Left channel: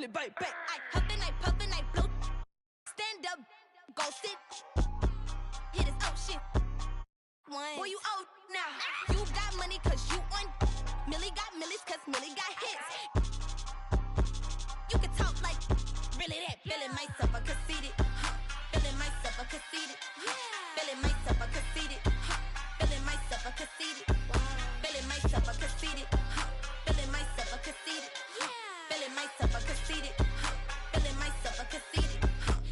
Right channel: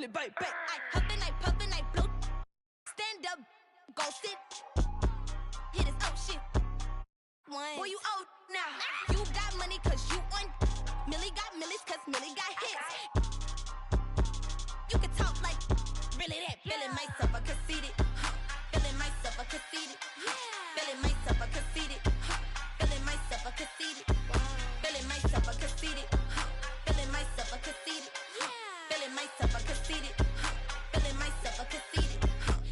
really bite back. I huffin', I puffin', I blow. Stand up, go sit. Hit his shit. Boy, you old now. You got money cause you on. Millie got millies cause Millie got hits. You can talk like really that. Feeling myself a conceited. Feeling myself a conceited. Feeling myself a conceited. Feeling myself a conceited. Feeling myself a conceited. Feeling myself a conceited. Feeling myself a conceited. Feeling myself a conceited.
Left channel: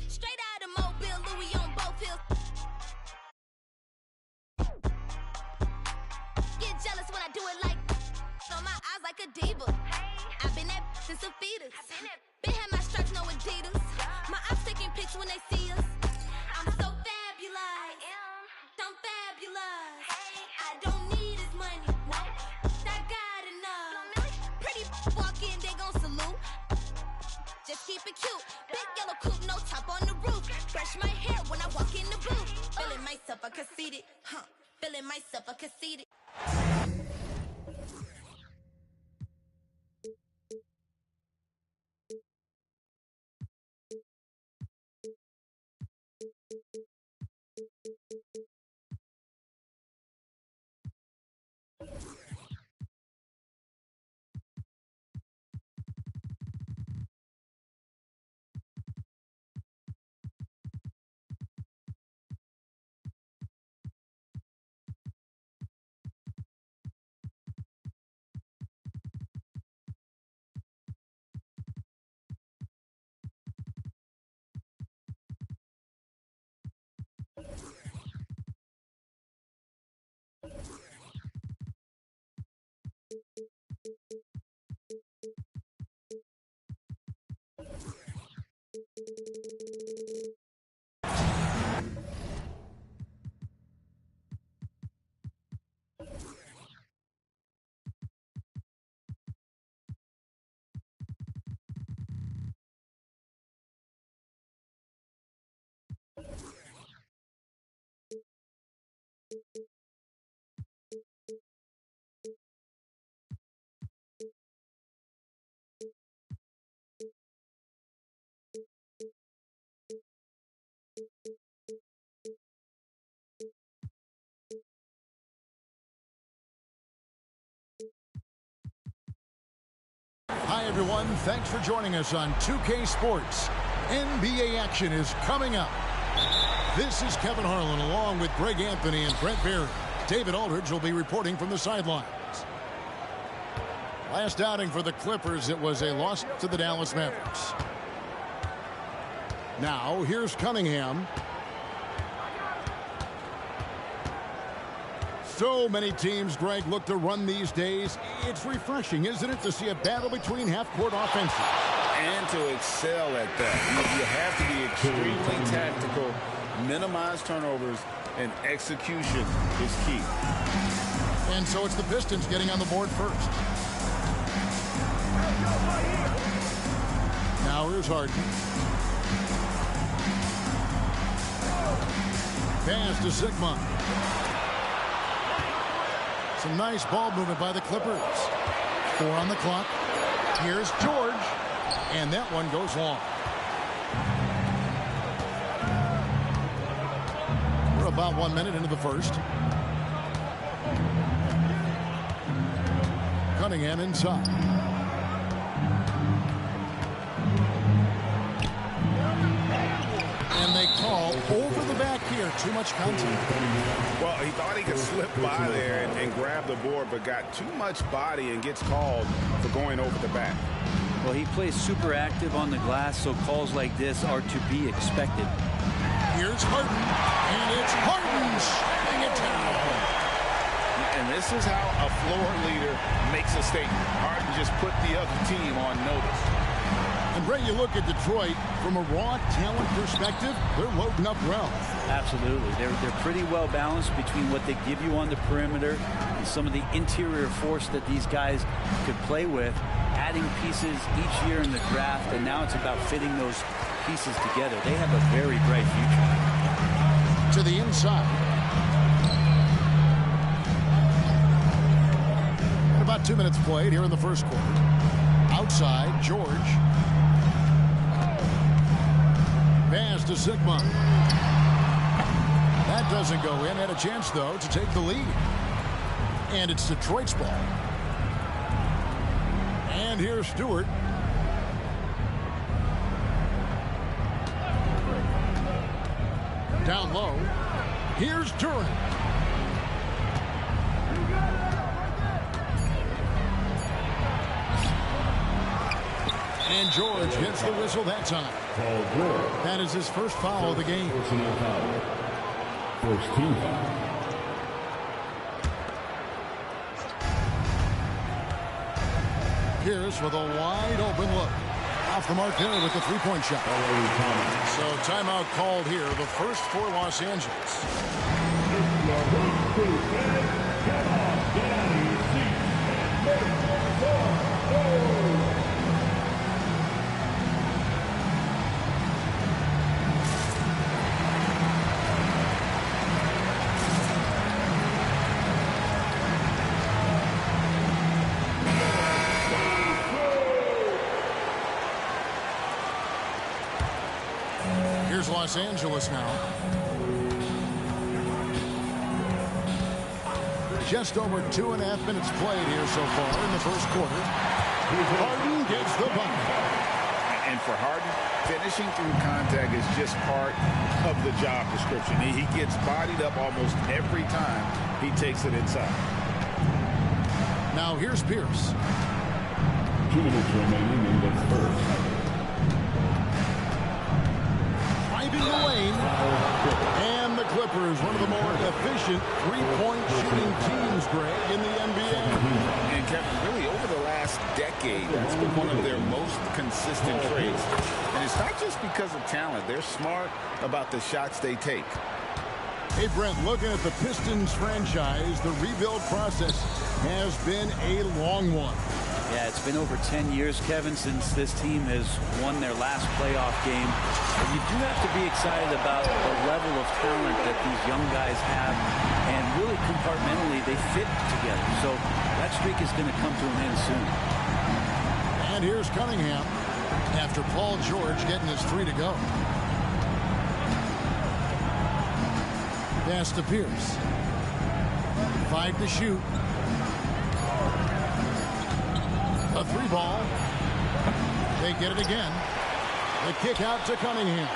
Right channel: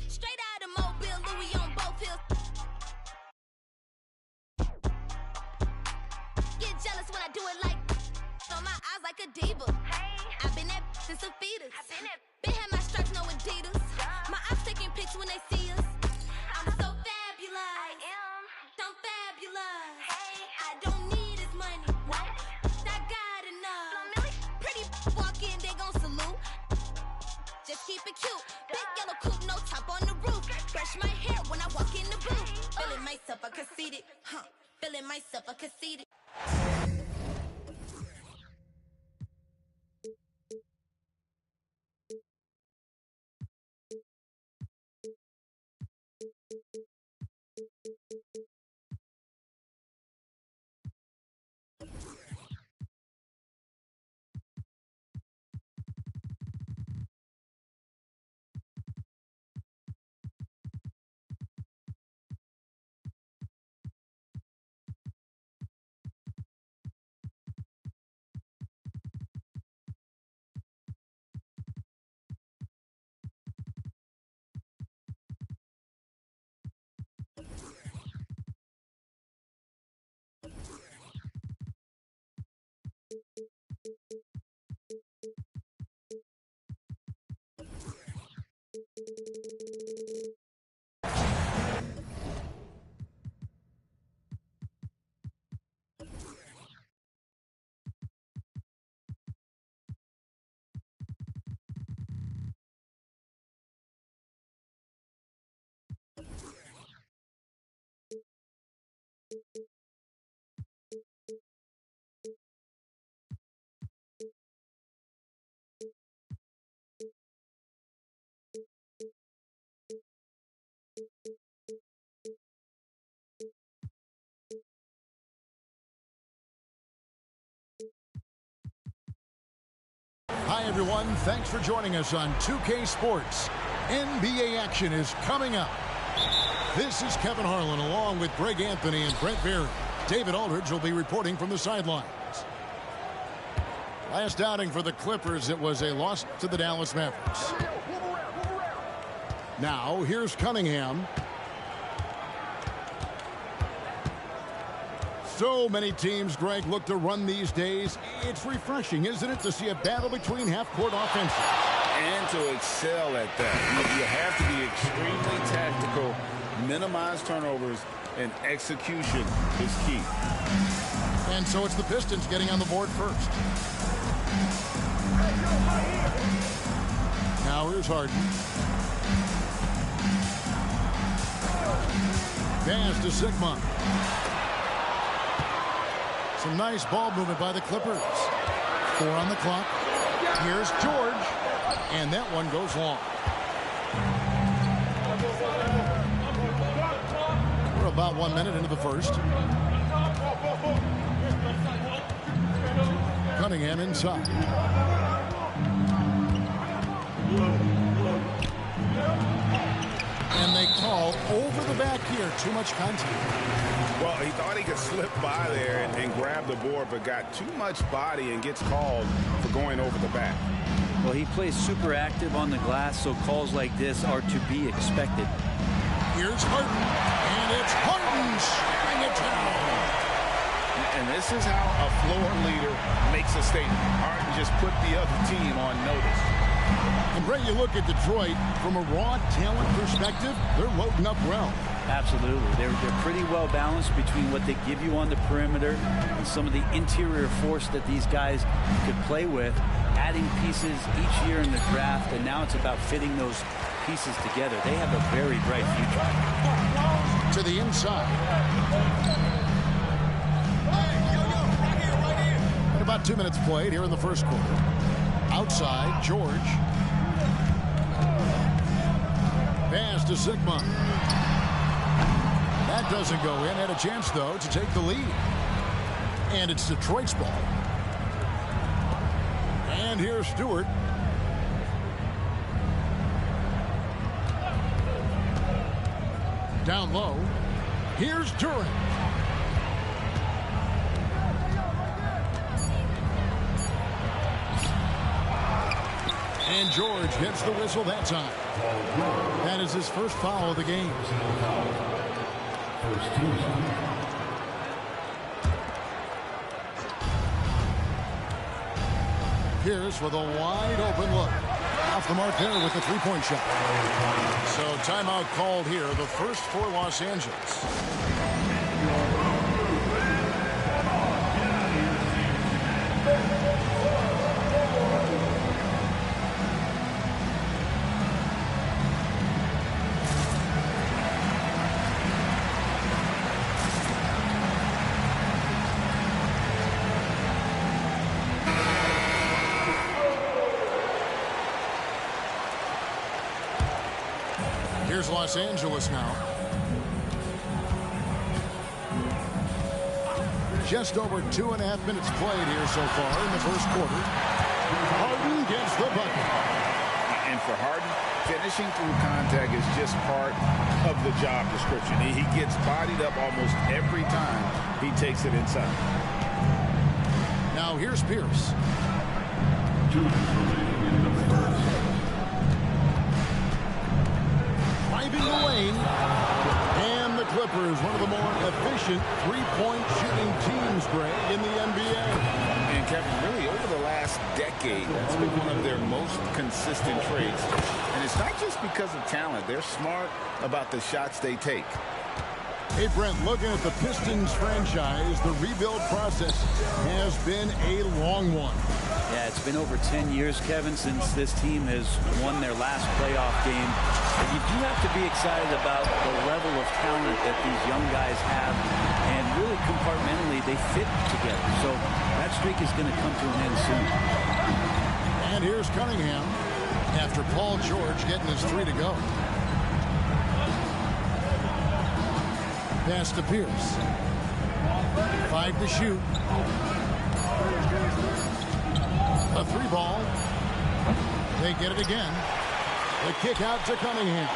Straight out of Mobile, Louis on both hills. Get jealous when I do it like on my eyes like a diva. I've been that since a fetus. Been had my stripes, no Adidas. My ops taking pics when they see us. I'm so fabulous. I'm fabulous. I don't need his money. I got enough. Pretty walk in, they gon' salute. Just keep it cute. Big yellow coupe, no top on the roof. Brush my hair when I walk in the booth. Feeling myself a conceited. Feeling myself a conceited. Hi, everyone. Thanks for joining us on 2K Sports. NBA action is coming up. This is Kevin Harlan along with Greg Anthony and Brent Berry. David Aldridge will be reporting from the sidelines. Last outing for the Clippers, it was a loss to the Dallas Mavericks. Now, here's Cunningham. So many teams, Greg, look to run these days. It's refreshing, isn't it, to see a battle between half-court offenses? And to excel at that. You have to be extremely tactical, minimize turnovers, and execution is key. And so it's the Pistons getting on the board first. Now here's Harden. Pass to Sigma. Some nice ball movement by the Clippers. 4 on the clock. Here's George. And that one goes long. We're about 1 minute into the first. Cunningham inside. And they call over the back here. Too much contact. Well, he thought he could slip by there and grab the board, but got too much body and gets called for going over the back. Well, he plays super active on the glass, so calls like this are to be expected. Here's Harden, and it's Harden slamming it down. And this is how a floor leader makes a statement. Harden just put the other team on notice. And, Brett, you look at Detroit, from a raw talent perspective, they're loading up well. Absolutely. They're pretty well balanced between what they give you on the perimeter and some of the interior force that these guys could play with, adding pieces each year in the draft, and now it's about fitting those pieces together. They have a very bright future. To the inside. And about 2 minutes played here in the first quarter. Outside, George. Pass to Sigma. That doesn't go in. Had a chance, though, to take the lead. And it's Detroit's ball. And here's Stewart. Down low. Here's Durant. And George gets the whistle that time. That is his first foul of the game. First team foul. Pierce with a wide open look. Off the mark there with the three-point shot. So timeout called here, the first for Los Angeles. Here's Los Angeles now. Just over 2.5 minutes played here so far in the first quarter. Harden gets the bucket. And for Harden, finishing through contact is just part of the job description. He gets bodied up almost every time he takes it inside. Now here's Pierce. 2 minutes remaining in the first. Driving the lane. And the Clippers, one of the more efficient three-point shooting teams, Greg, in the NBA. And Kevin, really over the last decade, that's been one of their most consistent traits. And it's not just because of talent. They're smart about the shots they take. Hey, Brent, looking at the Pistons franchise, the rebuild process has been a long one. Yeah, it's been over 10 years, Kevin, since this team has won their last playoff game. But you do have to be excited about the level of talent that these young guys have. And really, compartmentally, they fit together. So that streak is going to come to an end soon. And here's Cunningham after Paul George getting his 3 to go. Pass to Pierce. 5 to shoot. A 3 ball. They get it again. The kick out to Cunningham.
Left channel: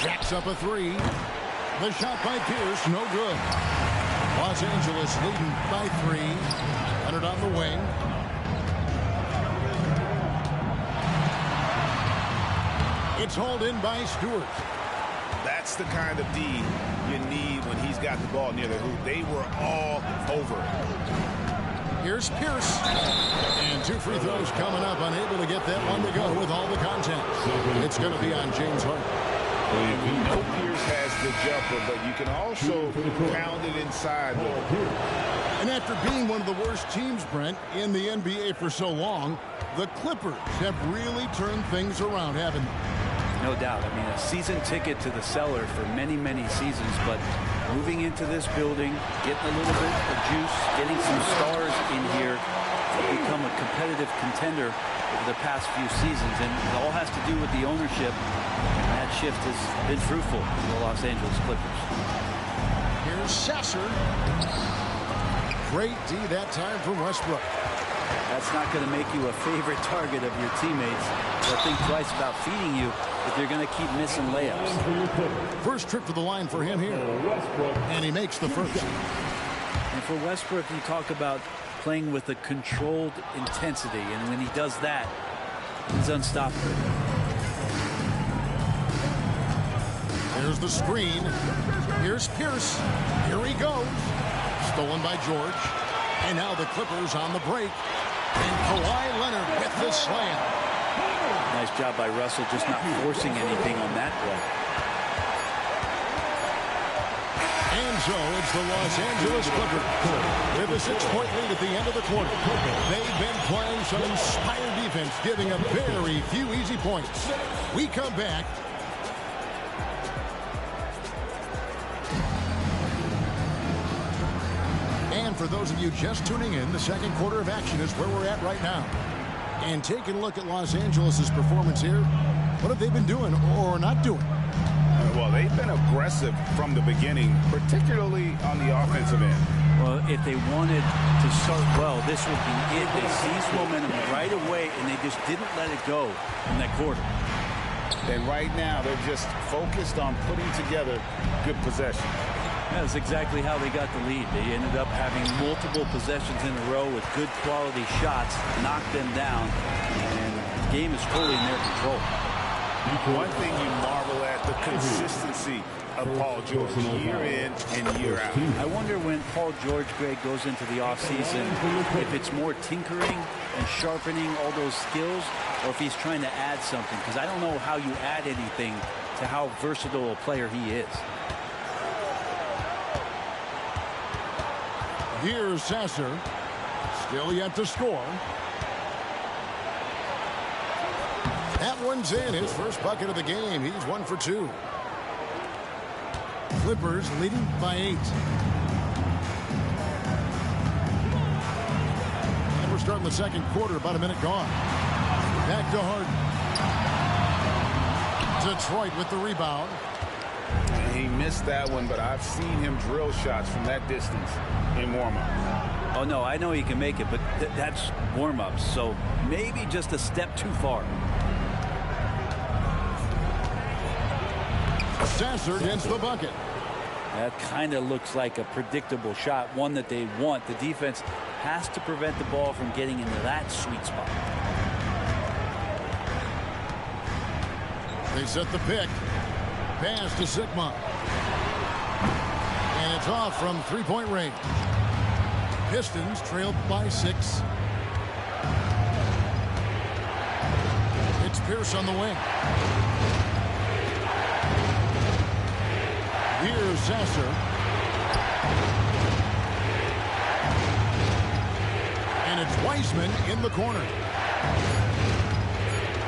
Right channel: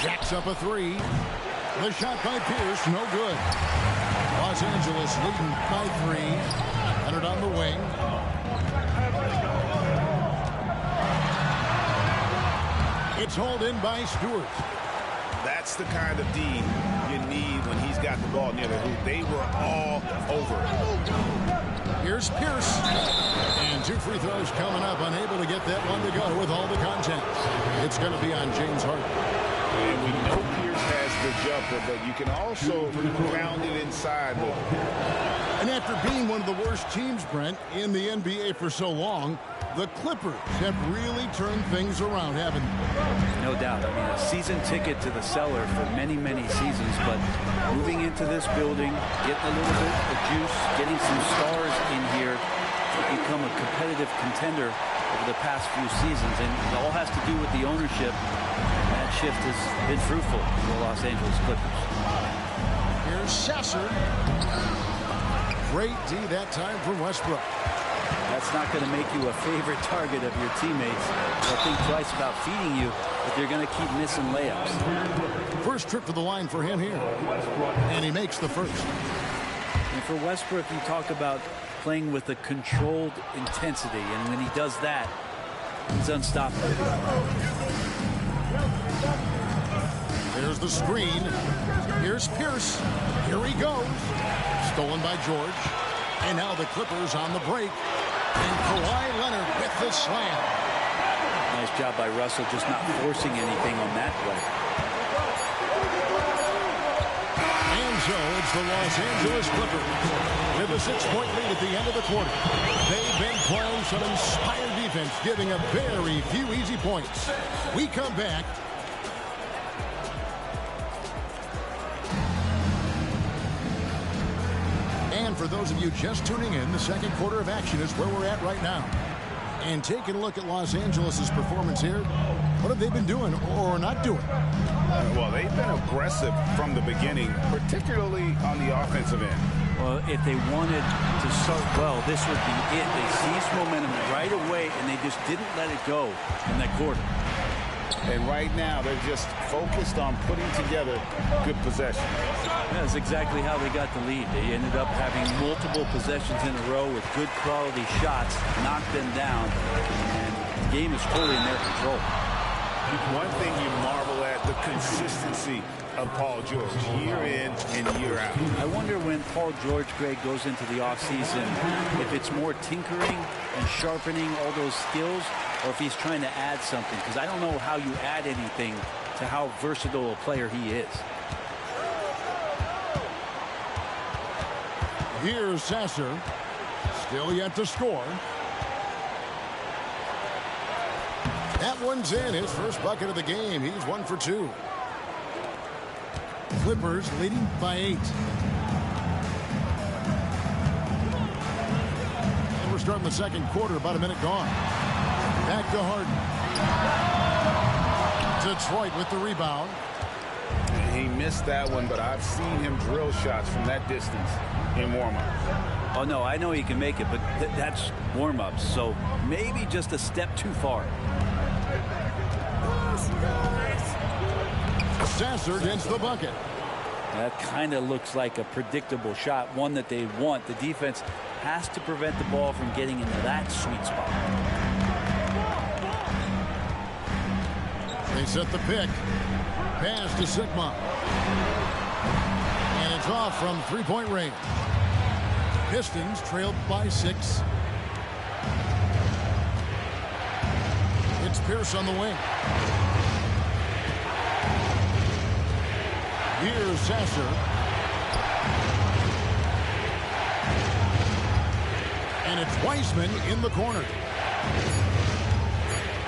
Jacks up a 3. The shot by Pierce, no good. Los Angeles leading by 3. Leonard on the wing. It's hauled in by Stewart. That's the kind of D you need when he's got the ball near the hoop. They were all over it. Here's Pierce. And 2 free throws coming up. Unable to get that one to go with all the contact. It's going to be on James Harden. And we know Pierce has the jumper, but you can also pound it inside with it. And after being one of the worst teams, Brent, in the NBA for so long, the Clippers have really turned things around, haven't they? No doubt. I mean, a season ticket to the cellar for many, many seasons, but moving into this building, getting a little bit of juice, getting some stars in here to become a competitive contender over the past few seasons. And it all has to do with the ownership. And that shift has been fruitful for the Los Angeles Clippers. Here's Sasser. Great D that time from Westbrook. That's not going to make you a favorite target of your teammates. They'll think twice about feeding you if you're going to keep missing layups. First trip to the line for him here. And he makes the first. And for Westbrook, you talk about playing with a controlled intensity. And when he does that, he's unstoppable. There's the screen. Here's Pierce. Here he goes. Stolen by George. And now the Clippers on the break. And Kawhi Leonard with the slam. Nice job by Russell just not forcing anything on that play. And so it's the Los Angeles Clippers with a 6-point lead at the end of the quarter. They've been playing some inspired defense, giving up very few easy points. We come back. And for those of you just tuning in, the second quarter of action is where we're at right now. And taking a look at Los Angeles' performance here, what have they been doing or not doing? Well, they've been aggressive from the beginning, particularly on the offensive end. Well, if they wanted to start well, this would be it. They seized momentum right away, and they just didn't let it go in that quarter. And right now, they're just focused on putting together good possession. That's exactly how they got the lead. They ended up having multiple possessions in a row with good quality shots, knocked them down, and the game is fully in their control. One thing you marvel at, the consistency of Paul George, year in and year out. I wonder when Paul George, Greg, goes into the offseason, if it's more tinkering and sharpening all those skills, or if he's trying to add something, because I don't know how you add anything to how versatile a player he is. Here's Sasser, still yet to score. That one's in, his first bucket of the game. He's 1 for 2. Clippers leading by 8. And we're starting the second quarter, about a minute gone. Back to Harden. Detroit with the rebound. He missed that one, but I've seen him drill shots from that distance in warm-ups. Oh, no, I know he can make it, but that's warm-ups, so maybe just a step too far. Sasser against the bucket. That kind of looks like a predictable shot, one that they want. The defense has to prevent the ball from getting into that sweet spot. They set the pick. Pass to Sigma. And it's off from three-point range. Pistons trailed by 6. It's Pierce on the wing. Here's Sasser. And it's Weissman in the corner.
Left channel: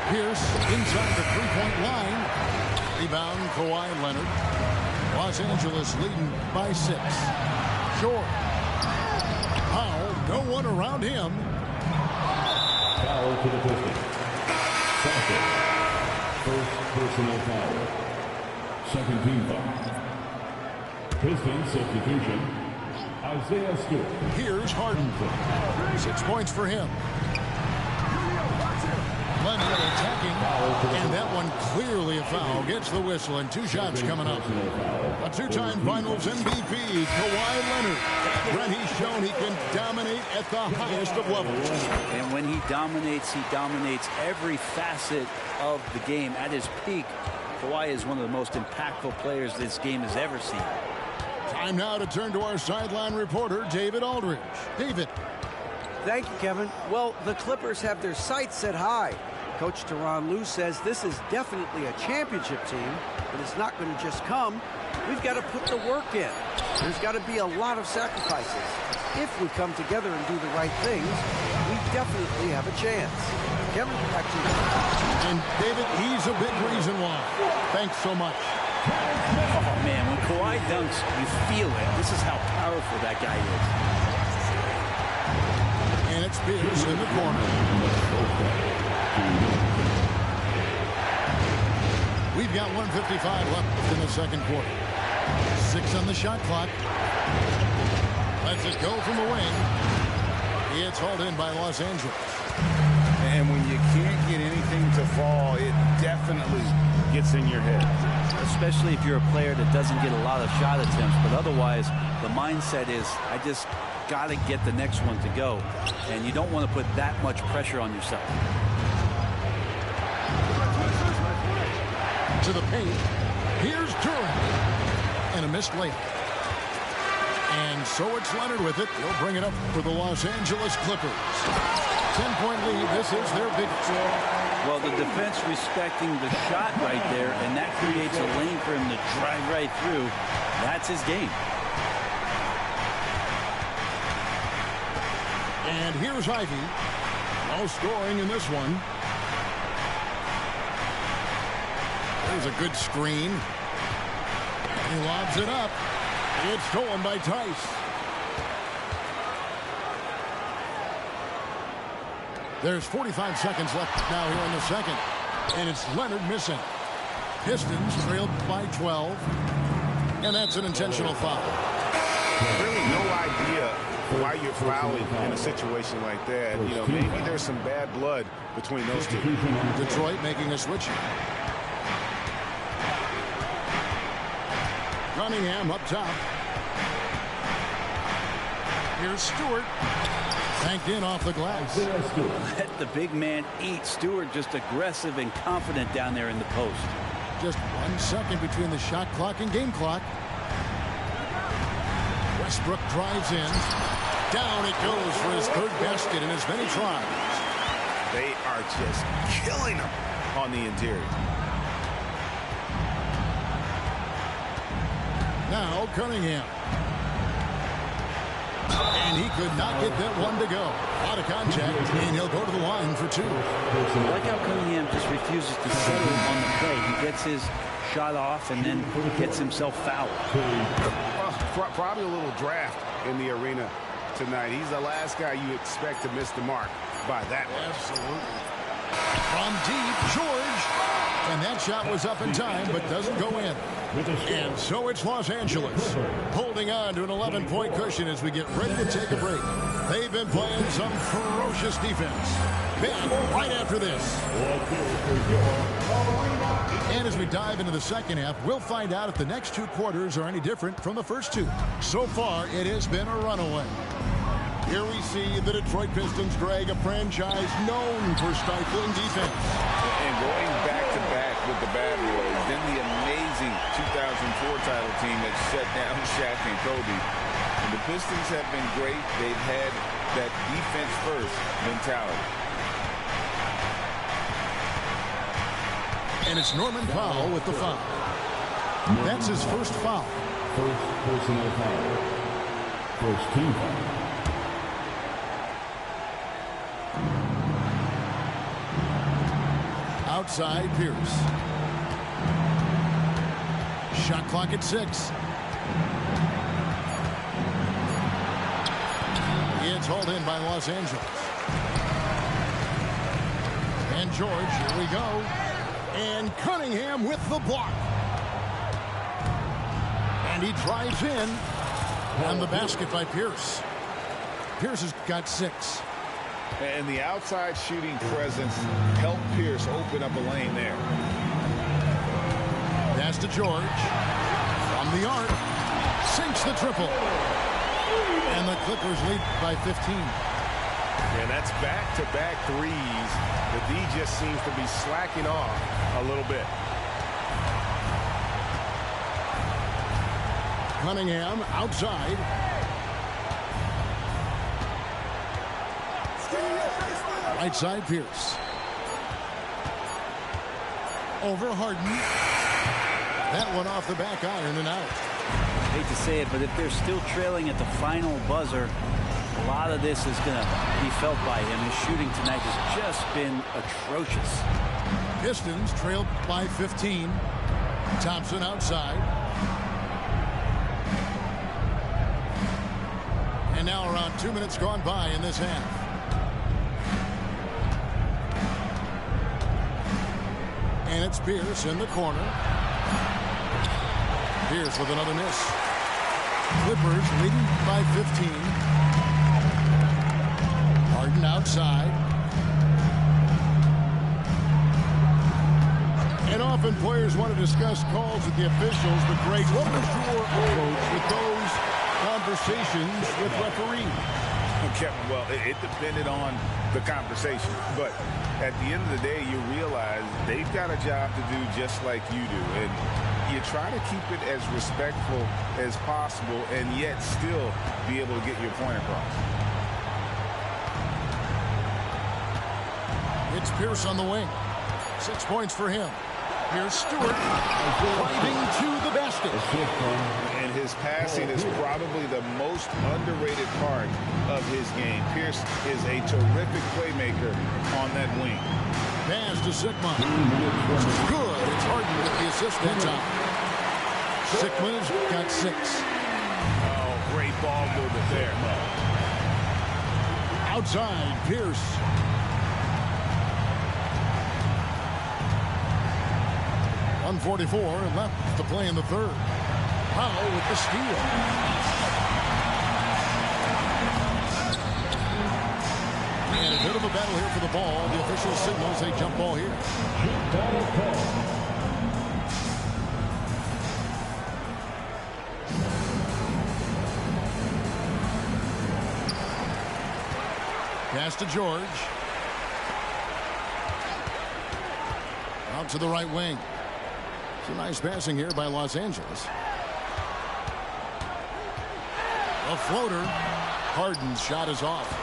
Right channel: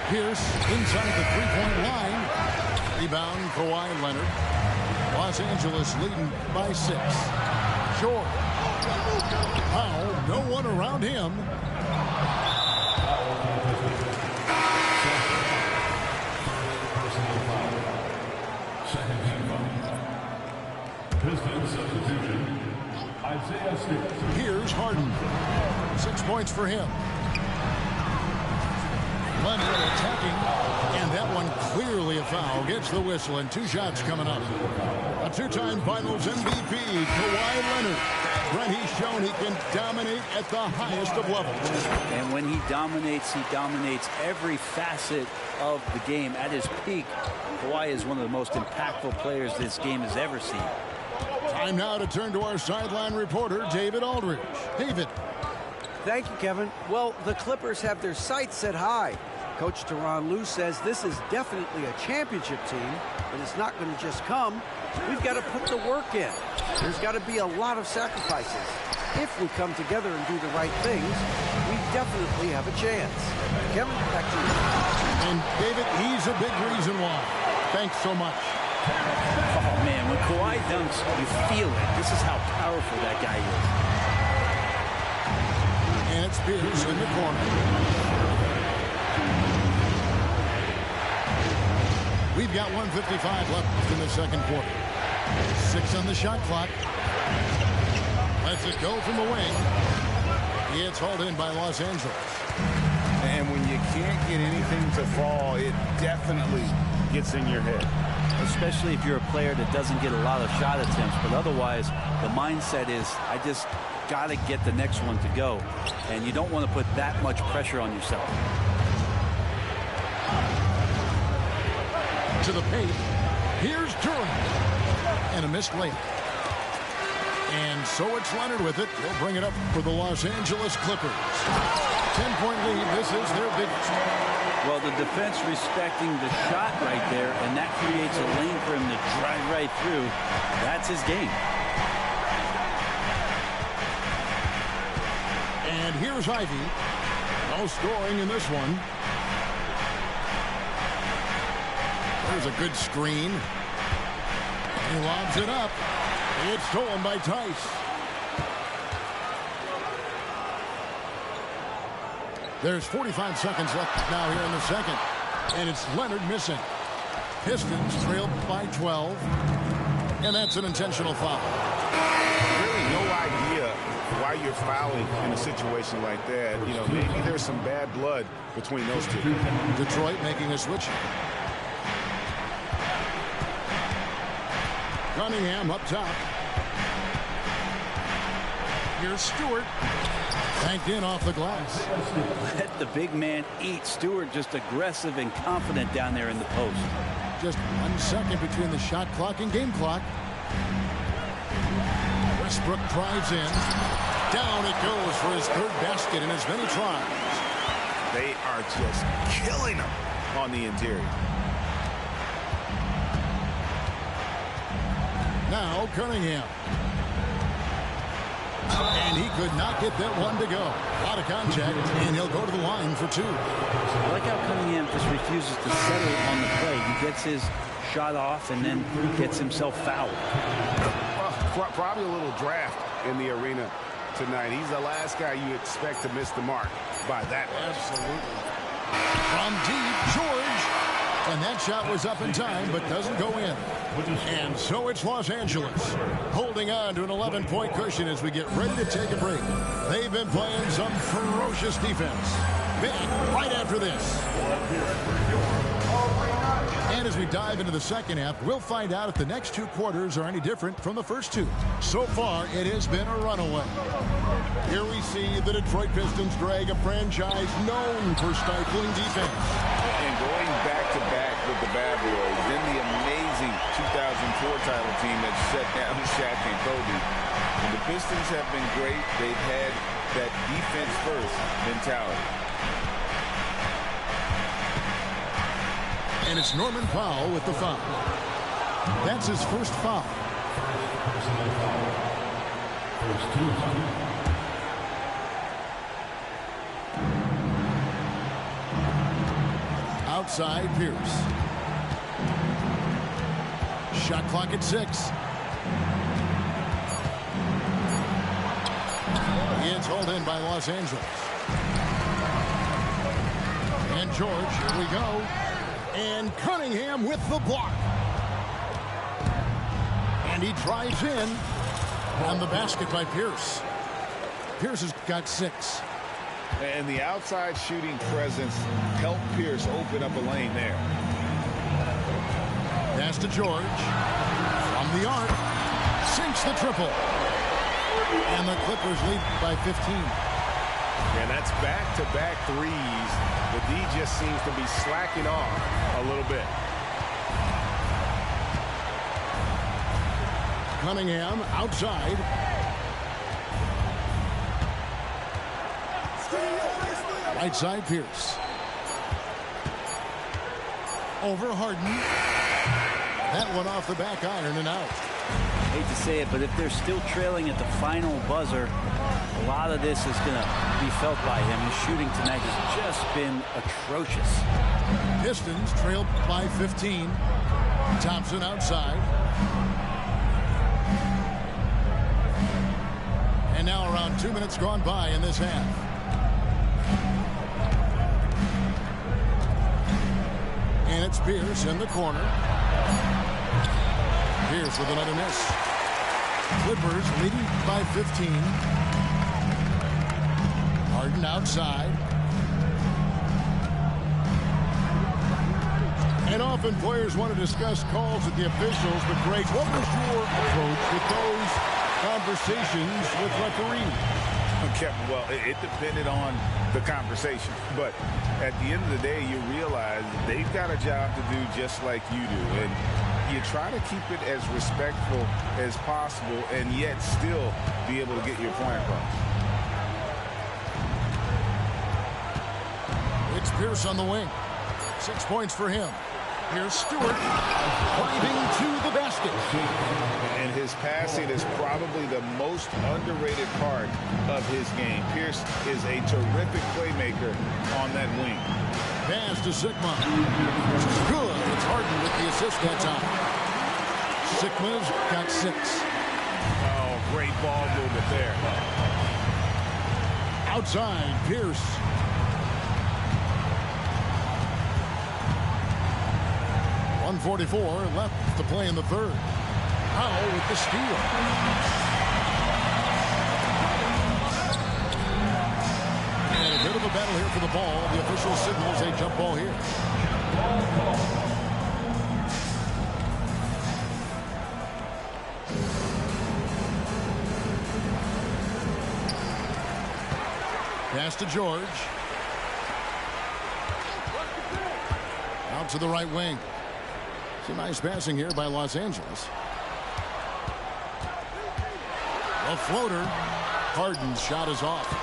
Pierce inside the three-point line. Rebound, Kawhi Leonard. Los Angeles leading by 6. Short. Powell, no one around him. Foul for the Pistons. Sasser. First personal foul. Second team foul. Pistons substitution. Isaiah Stewart. Here's Harden. 6 points for him. Leonard attacking, and that one clearly a foul. Gets the whistle, and 2 shots coming up. A 2-time Finals MVP, Kawhi Leonard. Brent, he's shown he can dominate at the highest of levels. And when he dominates every facet of the game. At his peak, Kawhi is one of the most impactful players this game has ever seen. Time now to turn to our sideline reporter, David Aldridge. David. Thank you, Kevin. Well, the Clippers have their sights set high. Coach Tyronn Lue says this is definitely a championship team, but it's not going to just come. We've got to put the work in. There's got to be a lot of sacrifices. If we come together and do the right things, we definitely have a chance. Kevin, back to you. And David, he's a big reason why. Thanks so much. Oh, man, when Kawhi dunks, you feel it. This is how powerful that guy is. And it's Pierce in the corner. We've got 1:55 left in the second quarter. 6 on the shot clock. Lets it go from the wing. It's hauled in by Los Angeles. And when you can't get anything to fall, it definitely gets in your head. Especially if you're a player that doesn't get a lot of shot attempts. But otherwise, the mindset is, I just got to get the next one to go. And you don't want to put that much pressure on yourself. To the paint. Here's Durant. And a missed layup. And so it's Leonard with it. He'll bring it up for the Los Angeles Clippers. 10-point lead. This is their biggest. Well, the defense respecting the shot right there, and that creates a lane for him to drive right through. That's his game. And here's Ivy. No scoring in this one. There's a good screen. He lobs it up. It's stolen by Tice. There's 45 seconds left now here in the second. And it's Leonard missing. Pistons trailed by 12. And that's an intentional foul. Really no idea why you're fouling in a situation like that. You know, maybe there's some bad blood between those two. Detroit making a switch. Cunningham up top. Here's Stewart. Banked in off the glass. Let the big man eat. Stewart just aggressive and confident down there in the post. Just 1 second between the shot clock and game clock. Westbrook drives in. Down it goes for his third basket in as many tries. They are just killing him on the interior. Now Cunningham. And he could not get that one to go. A lot of contact, and he'll go to the line for two. I like how Cunningham just refuses to settle on the play. He gets his shot off and then gets himself fouled. Well, probably a little draft in the arena tonight. He's the last guy you expect to miss the mark by that much. Absolutely. From deep, George. And that shot was up in time, but doesn't go in. And so it's Los Angeles holding on to an 11-point cushion as we get ready to take a break. They've been playing some ferocious defense. Back right after this. And as we dive into the second half, we'll find out if the next two quarters are any different from the first two. So far, it has been a runaway. Here we see the Detroit Pistons drag a franchise known for stifling defense. And going back-to-back with the bad boys, then the amazing 2004 title team that shut down Shaq and Kobe. And the Pistons have been great. They've had that defense-first mentality. And it's Norman Powell with the foul. That's his first foul. First personal foul. First team foul. Outside, Pierce. Shot clock at 6. It's hauled in by Los Angeles. And George, here we go. And Cunningham with the block. And he drives in. And the basket by Pierce. Pierce has got 6. And the outside shooting presence helped Pierce open up a lane there. Pass to George. From the arc. Sinks the triple. And the Clippers lead by 15. And that's back-to-back threes. The D just seems to be slacking off a little bit. Cunningham outside. Right side, Pierce. Over Harden. That one off the back iron and out. Hate to say it, but if they're still trailing at the final buzzer, a lot of this is going to be felt by him. His shooting tonight has just been atrocious. Pistons trailed by 15. Thompson outside. And now around 2 minutes gone by in this half. And it's Pierce in the corner. Pierce with another miss. Clippers leading by 15. Harden outside. And often players want to discuss calls with the officials, but Greg, what was your approach with those conversations with referees? Kevin, well, it depended on the conversation, but at the end of the day, you realize they've got a job to do just like you do, and you try to keep it as respectful as possible and yet still be able to get your point across. It's Pierce on the wing. 6 points for him. Here's Stewart driving to the basket. And his passing is probably the most underrated part of his game. Pierce is a terrific playmaker on that wing. Pass to Sigma. Good. It's Harden with the assist that time. Sigma's got 6. Oh, great ball movement there. Outside, Pierce. 1:44 left to play in the third. Powell with the steal. And a bit of a battle here for the ball. The official signals a jump ball here. Pass to George. Out to the right wing. Some nice passing here by Los Angeles. A floater. Harden's shot is off.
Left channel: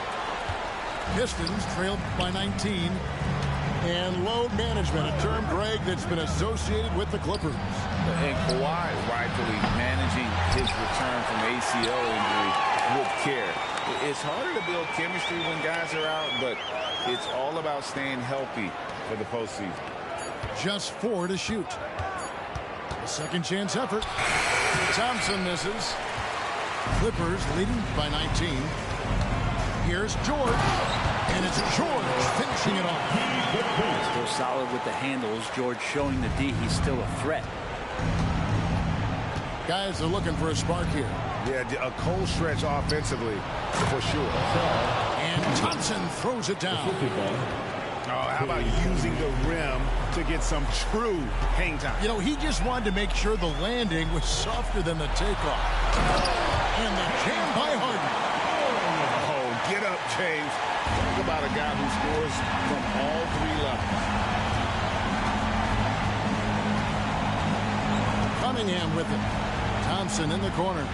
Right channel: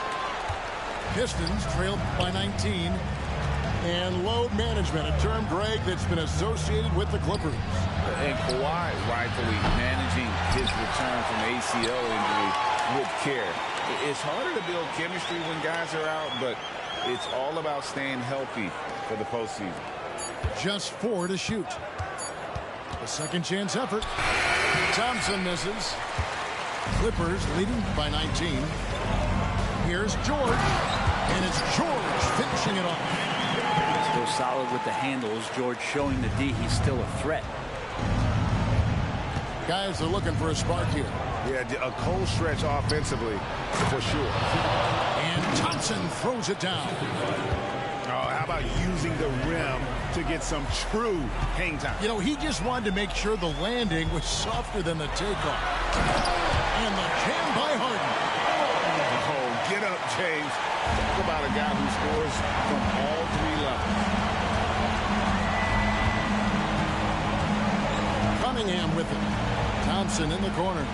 Pistons trailed by 19. And load management, a term, Greg, that's been associated with the Clippers. And Kawhi rightfully managing his return from ACL injury with care. It's harder to build chemistry when guys are out, but it's all about staying healthy for the postseason. Just 4 to shoot. The second chance effort. Thompson misses. Clippers leading by 19. Here's George. And it's George finishing it off. Still solid with the handles. George showing the D he's still a threat. Guys are looking for a spark here. Yeah, a cold stretch offensively for sure. And Thompson throws it down. Oh, how about using the rim to get some true hang time? You know, he just wanted to make sure the landing was softer than the takeoff. And the jam by Harden. Oh, get up, James. Talk about a guy who scores from all 3 levels. Cunningham with it. Thompson in the corner.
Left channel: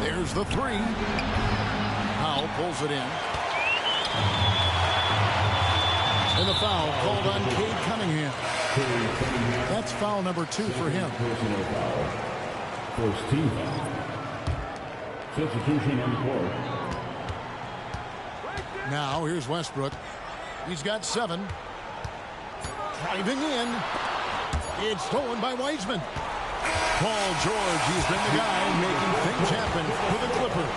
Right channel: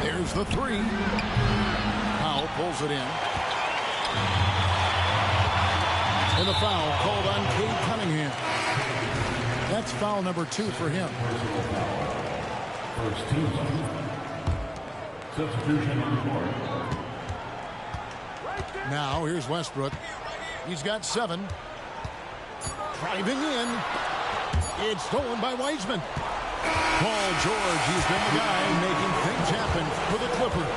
There's the 3. Powell pulls it in. And the foul called on Cade Cunningham. That's foul number 2 for him. First team foul. Substitution on the court. Now here's Westbrook. He's got 7. Driving in. It's stolen by Wiseman. Paul George, he's been the guy making things happen for the Clippers.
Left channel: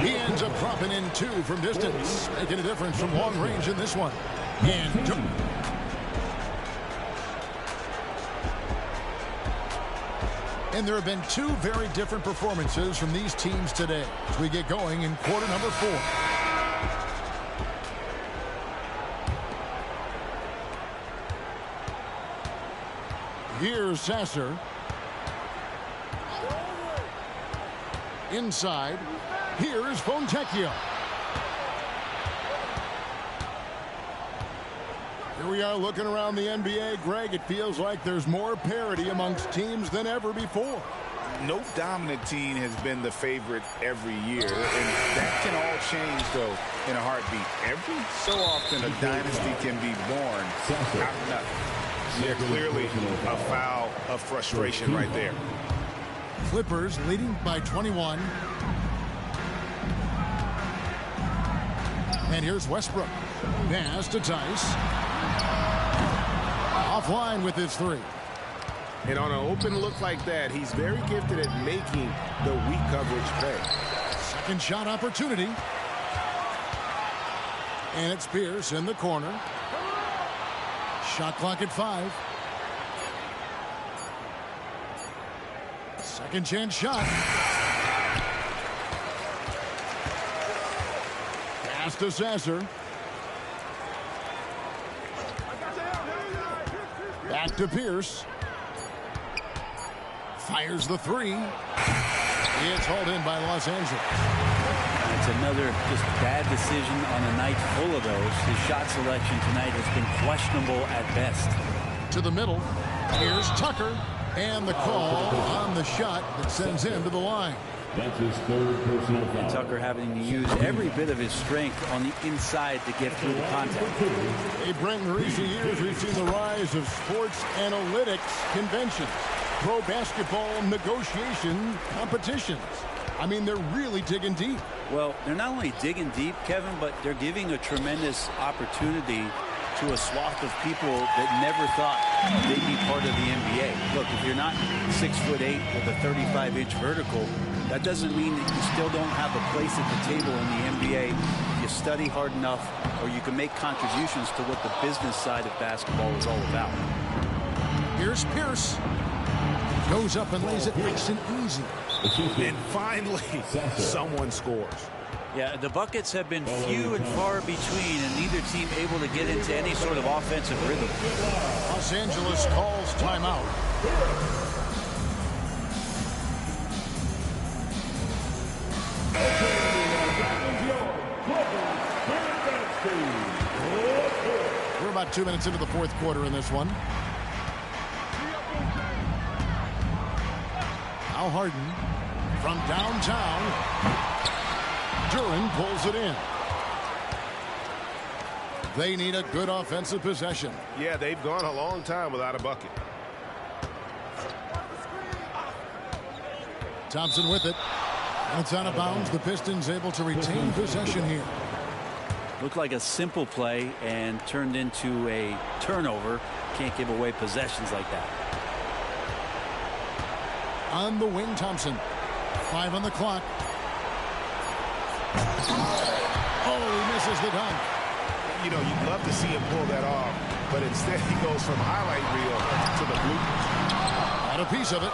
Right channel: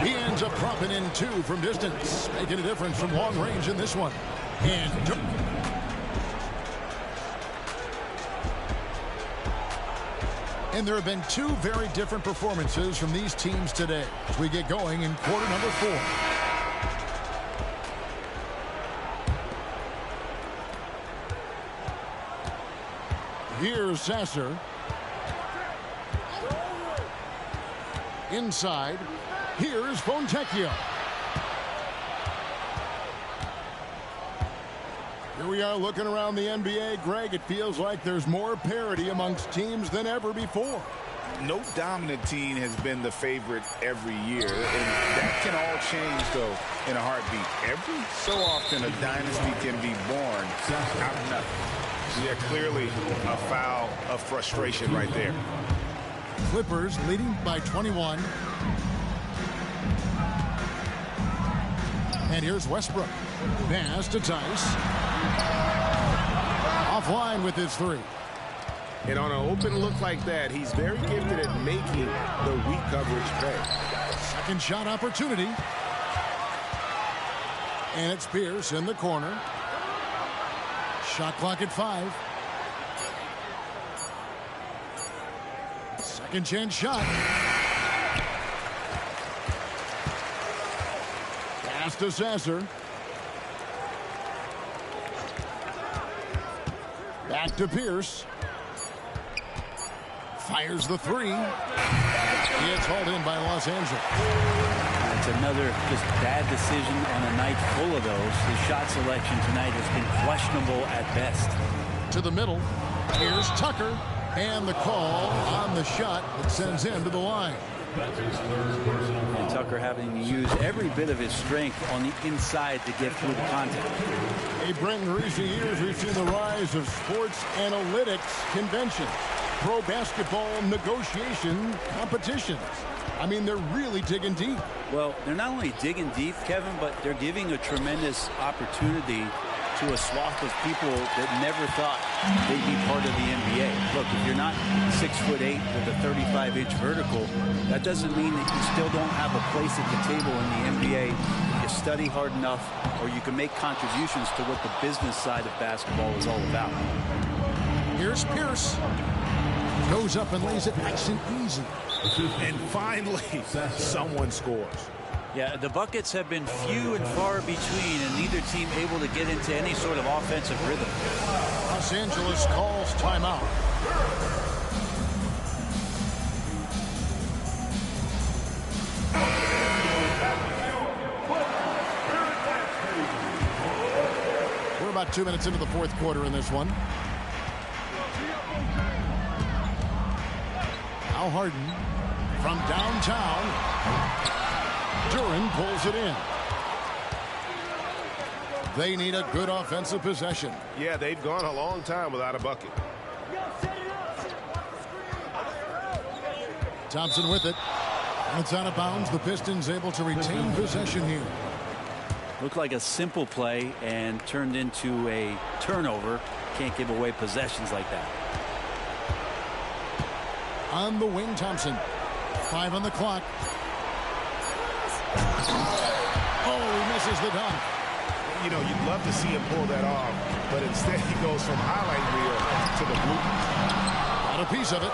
He ends up dropping in 2 from distance, making a difference from long range in this one. And there have been 2 very different performances from these teams today as we get going in quarter number 4. Here's Sasser. Inside. Here's Fontecchio. Here we are looking around the NBA. Greg, it feels like there's more parity amongst teams than ever before. No dominant team has been the favorite every year, and that can all change, though, in a heartbeat. Every so often, a dynasty can be born out of nothing. Yeah, clearly a foul of frustration right there. Clippers leading by 21. And here's Westbrook. Pass to Tice. Offline with his 3. And on an open look like that, he's very gifted at making the weak coverage pay. Second shot opportunity. And it's Pierce in the corner. Shot clock at 5. Second chance shot. Pass to Sasser. Back to Pierce. Fires the 3. It's hauled in by Los Angeles. It's another just bad decision on a night full of those. His shot selection tonight has been questionable at best. To the middle. Here's Tucker. And the call on the shot that sends him to the line. That's his 3rd personal foul. And Tucker having to use every bit of his strength on the inside to get through the contact. Hey, Brent, in recent years, we've seen the rise of sports analytics conventions, pro basketball negotiation competitions. I mean, they're really digging deep. Well, they're not only digging deep, Kevin, but they're giving a tremendous opportunity to a swath of people that never thought they'd be part of the NBA. Look, if you're not 6'8" with a 35-inch vertical, that doesn't mean that you still don't have a place at the table in the NBA if you study hard enough, or you can make contributions to what the business side of basketball is all about. Here's Pierce. Goes up and lays it nice and easy. And finally, someone scores. Yeah, the buckets have been few and far between, and neither team able to get into any sort of offensive rhythm. Los Angeles calls timeout. We're about 2 minutes into the fourth quarter in this one. Now Harden from downtown. Duren pulls it in. They need a good offensive possession. Yeah, they've gone a long time without a bucket. Thompson with it. And it's out of bounds. The Pistons able to retain possession here. Looked like a simple play and turned into a turnover. Can't give away possessions like that. On the wing, Thompson. 5 on the clock. Oh, he misses the dunk. You know, you'd love to see him pull that off, but instead he goes from highlight reel to the bloopers. Got a piece of it.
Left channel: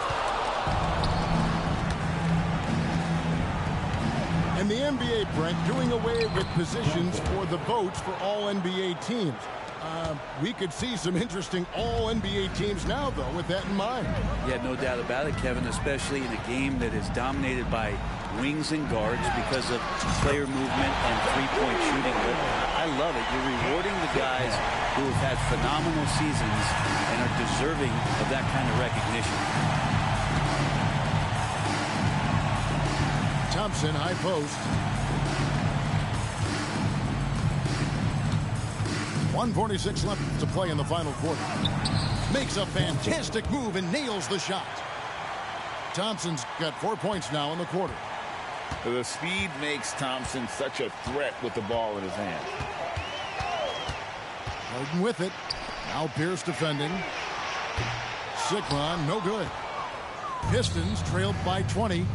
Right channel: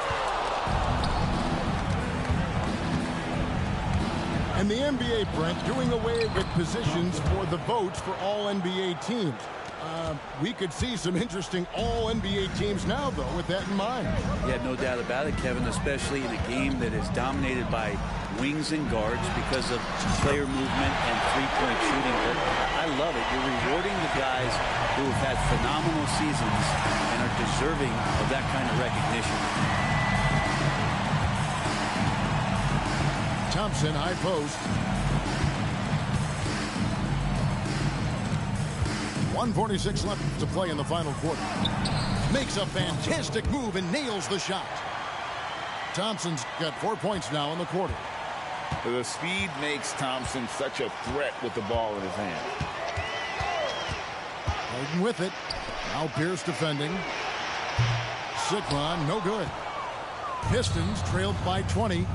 And the NBA, Brent, doing away with positions for the votes for all NBA teams. We could see some interesting all-NBA teams now, though, with that in mind. Yeah, no doubt about it, Kevin, especially in a game that is dominated by wings and guards because of player movement and three-point shooting. But I love it. You're rewarding the guys who have had phenomenal seasons and are deserving of that kind of recognition. Thompson, high post. 1:46 left to play in the final quarter. Makes a fantastic move and nails the shot. Thompson's got 4 points now in the quarter. The speed makes Thompson such a threat with the ball in his hand. Harden with it. Now Pierce defending. Sigma, no good. Pistons trailed by 20.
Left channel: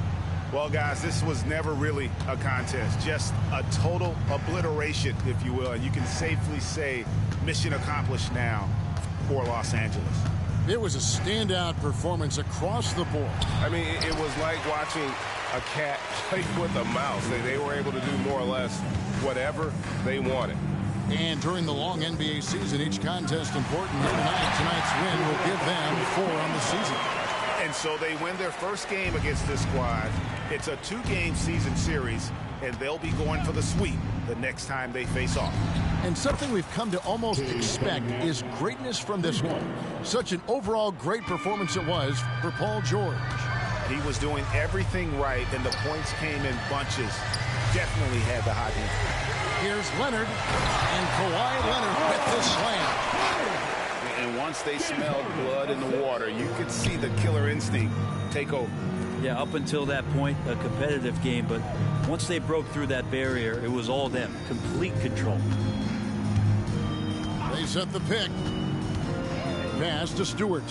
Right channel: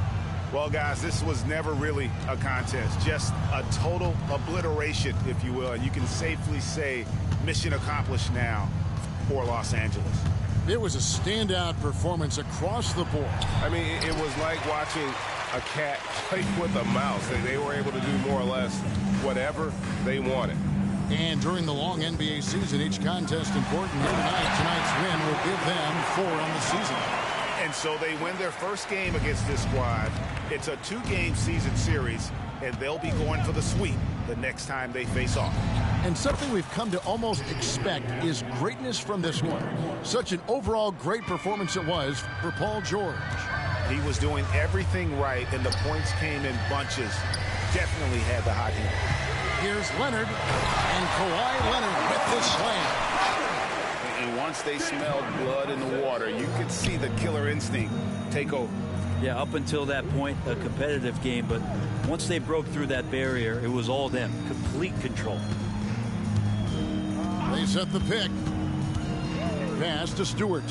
Well, guys, this was never really a contest, just a total obliteration, if you will. And you can safely say mission accomplished now for Los Angeles. It was a standout performance across the board. I mean, it was like watching a cat play with a mouse. They were able to do more or less whatever they wanted. And during the long NBA season, each contest important here tonight. Tonight's win will give them 4 on the season. And so they win their first game against this squad. It's a 2-game season series, and they'll be going for the sweep the next time they face off. And something we've come to almost expect is greatness from this one. Such an overall great performance it was for Paul George. He was doing everything right, and the points came in bunches. Definitely had the hot hand. Here's Leonard, and Kawhi Leonard with the slam. And once they smelled blood in the water, you could see the killer instinct take over. Yeah, up until that point, a competitive game, but once they broke through that barrier, it was all them. Complete control. They set the pick. Pass to Stewart.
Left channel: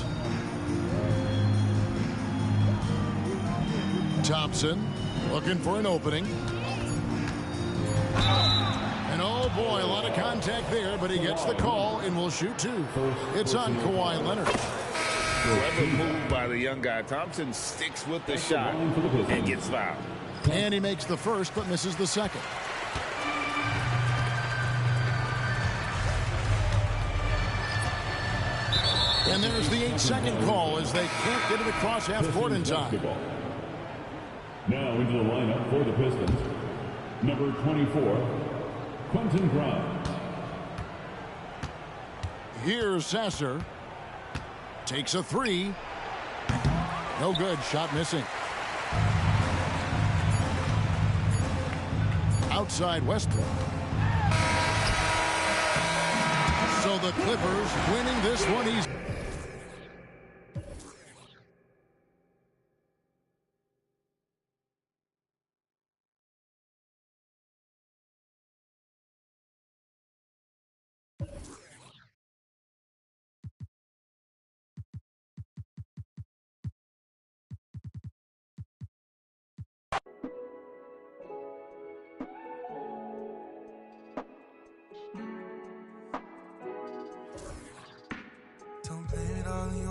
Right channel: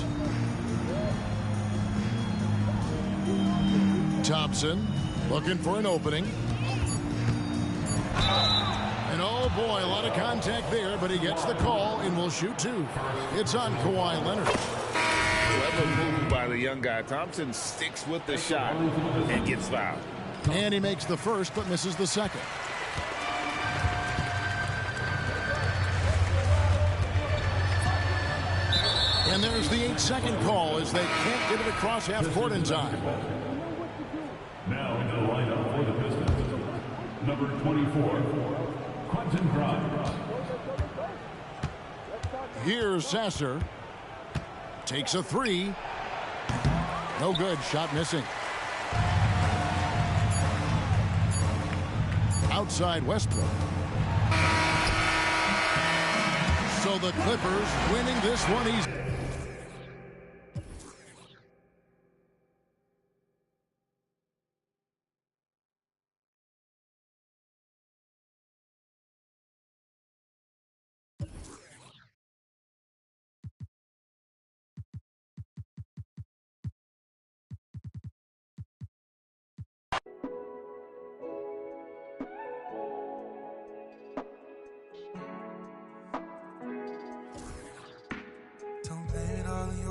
Thompson looking for an opening. And oh boy, a lot of contact there, but he gets the call and will shoot 2. It's on Kawhi Leonard. Clever move by the young guy. Thompson sticks with the shot and gets fouled. And he makes the first but misses the second. And there's the 8-second call as they can't get it across half court in time. Now into the lineup for the Pistons. Number 24, Quentin Grimes. Here's Sasser. Takes a 3. No good. Shot missing. Outside Westbrook. So the Clippers winning this one easy.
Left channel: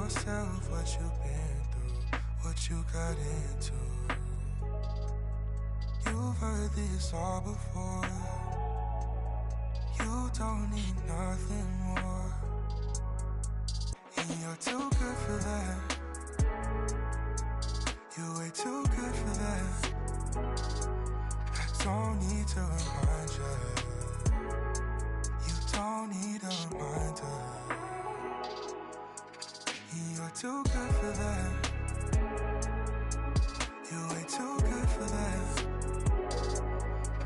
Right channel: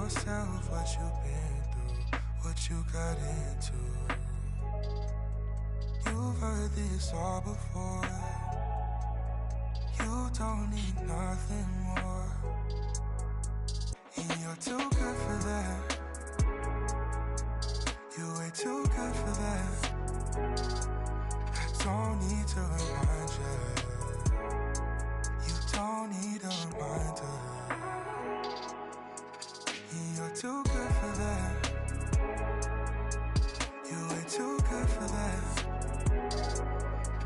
yourself what you've been through, what you got into. You've heard this all before. You don't need nothing more. And you're too good for that. You're way too good for that. I don't need to remind you. You don't need a reminder. And you're too good for that. You're way too good for that.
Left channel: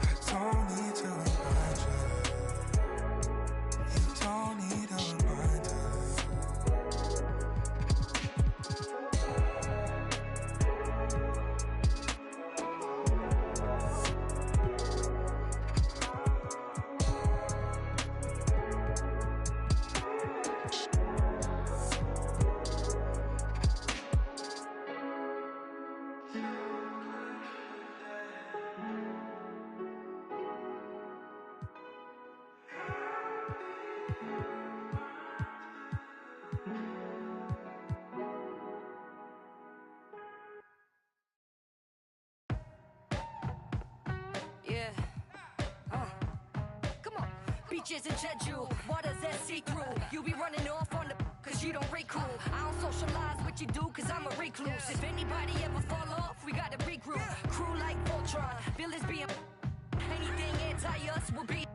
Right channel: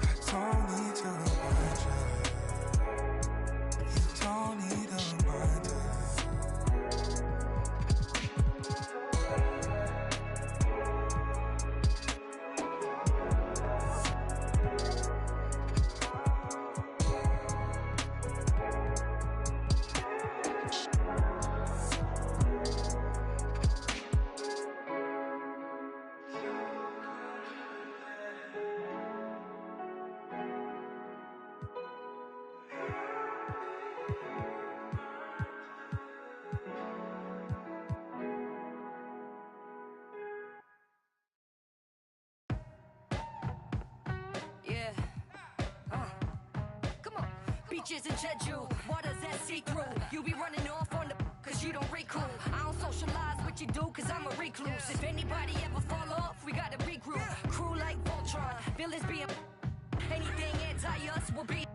I don't need to remind you. You don't need a reminder. Yeah. Come on. Beaches in Jeju, waters that see through. You be running off on the cause you don't recruit. I don't socialize with you do cause I'm a recluse. If anybody ever fall off, we gotta regroup. Crew like Voltron, villains being anything anti us will be